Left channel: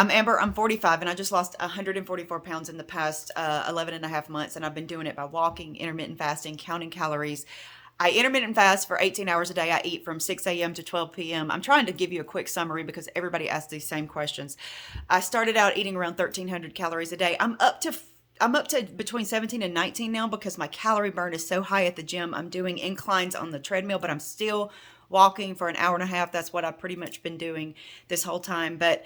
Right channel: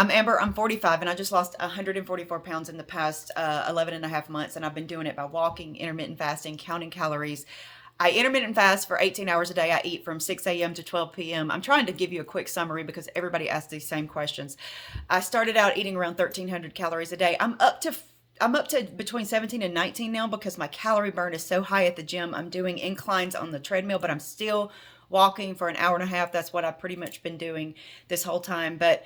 I'm Amber, I'm 45, and I just lost 144 pounds in the past 11 and a half months, and I've been doing it by walking, intermittent fasting, counting calories. I intermittent fast for 18 hours a day. I eat from 6 a.m. to 12 p.m. I'm trying to give you a quick summary because everybody asks these same questions. I started out eating around 1,300 calories a day. I'm up to between 17 and 19 now because my calorie burn is so high at the gym. I'm doing inclines on the treadmill, but I'm still walking for an hour and a half. That's what I've pretty much been doing this whole time. But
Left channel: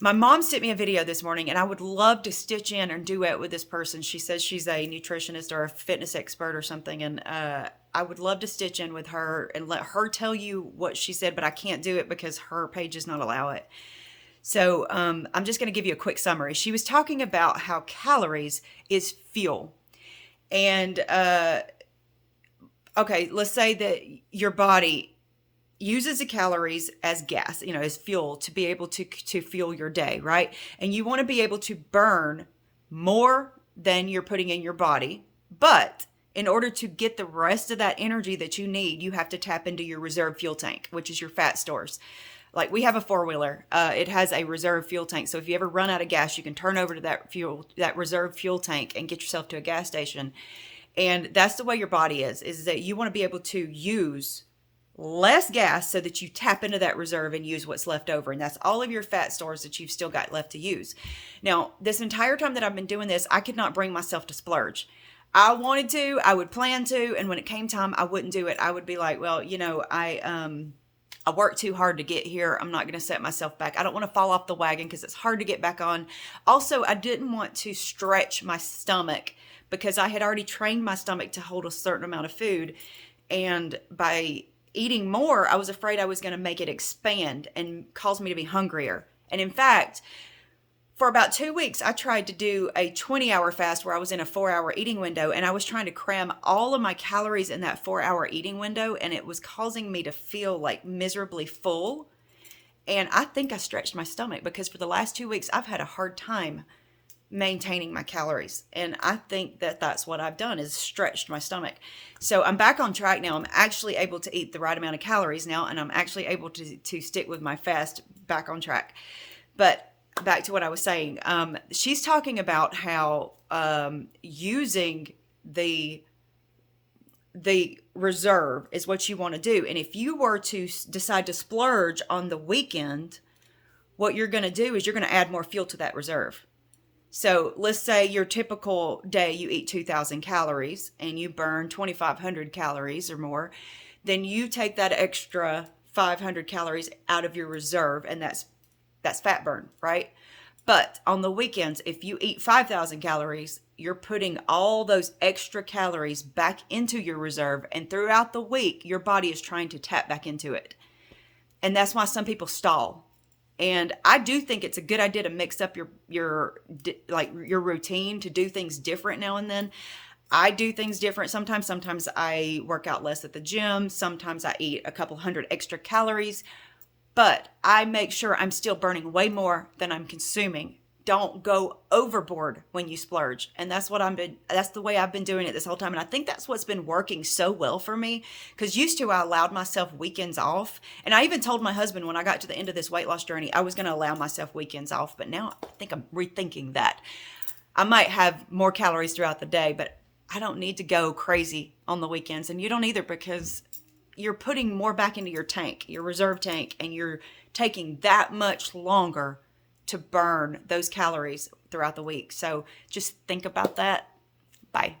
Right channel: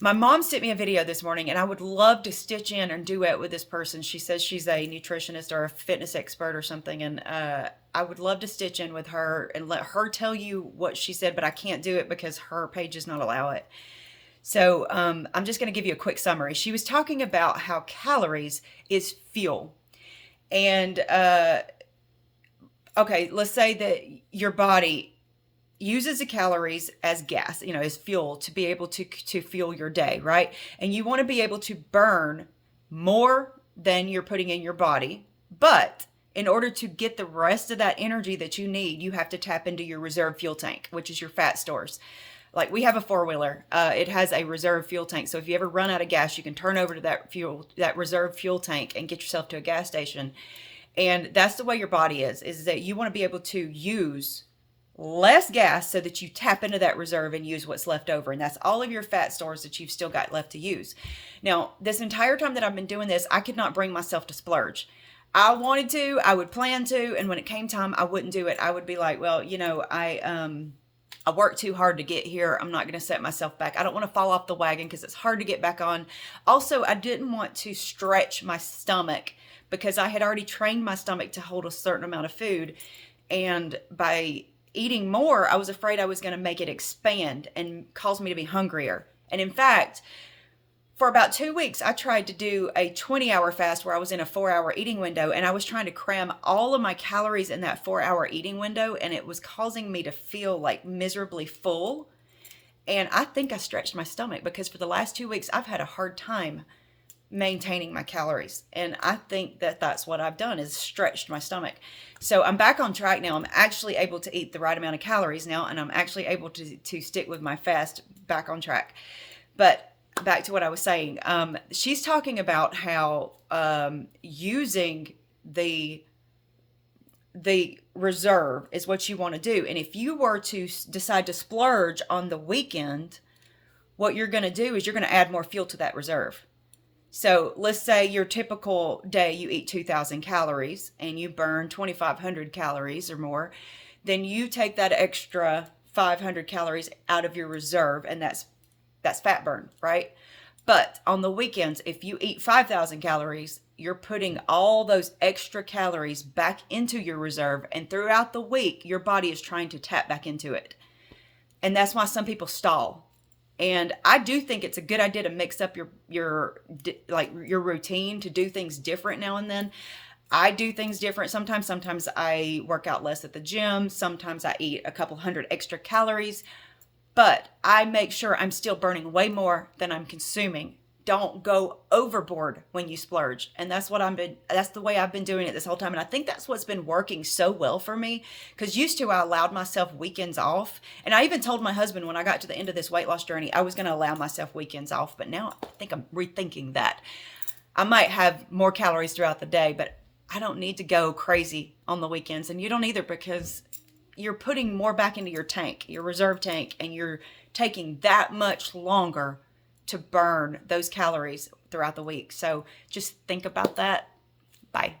my mom sent me a video this morning, and I would love to stitch in and duet with this person. She says she's a nutritionist or a fitness expert or something, and I would love to stitch in with her and let her tell you what she said, but I can't do it because her page does not allow it. So I'm just going to give you a quick summary. She was talking about how calories is fuel. And okay, let's say that your body uses the calories as gas, as fuel to be able to fuel your day, right? And you want to be able to burn more than you're putting in your body, but in order to get the rest of that energy that you need, you have to tap into your reserve fuel tank, which is your fat stores. Like we have a four-wheeler, it has a reserve fuel tank. So if you ever run out of gas, you can turn over to that reserve fuel tank and get yourself to a gas station. And that's the way your body is that you want to be able to use less gas so that you tap into that reserve and use what's left over. And that's all of your fat stores that you've still got left to use. Now, this entire time that I've been doing this, I could not bring myself to splurge. I wanted to, I would plan to, and when it came time, I wouldn't do it. I would be like, well, I worked too hard to get here. I'm not going to set myself back. I don't want to fall off the wagon because it's hard to get back on. Also, I didn't want to stretch my stomach because I had already trained my stomach to hold a certain amount of food. And by eating more, I was afraid I was going to make it expand and cause me to be hungrier. And in fact, for about 2 weeks, I tried to do a 20-hour fast where I was in a 4-hour eating window, and I was trying to cram all of my calories in that 4-hour eating window, and it was causing me to feel like miserably full. And I think I stretched my stomach because for the last 2 weeks, I've had a hard time maintaining my calories. And I think that that's what I've done is stretched my stomach. So I'm back on track now. I'm actually able to eat the right amount of calories now, and I'm actually able to stick with my fast back on track. But back to what I was saying. She's talking about how using the reserve is what you want to do. And if you were to decide to splurge on the weekend, what you're going to do is you're going to add more fuel to that reserve. So let's say your typical day, you eat 2,000 calories and you burn 2,500 calories or more. Then you take that extra 500 calories out of your reserve, and that's fat burn, right? But on the weekends, if you eat 5,000 calories, you're putting all those extra calories back into your reserve. And throughout the week, your body is trying to tap back into it. And that's why some people stall. And I do think it's a good idea to mix up your routine, to do things different now and then. I do things different sometimes. Sometimes I work out less at the gym. Sometimes I eat a couple hundred extra calories. But I make sure I'm still burning way more than I'm consuming. Don't go overboard when you splurge. And that's the way I've been doing it this whole time. And I think that's what's been working so well for me. Because used to, I allowed myself weekends off. And I even told my husband when I got to the end of this weight loss journey, I was going to allow myself weekends off. But now I think I'm rethinking that. I might have more calories throughout the day, but I don't need to go crazy on the weekends. And you don't either, because you're putting more back into your tank, your reserve tank, and you're taking that much longer to burn those calories throughout the week. So just think about that. Bye.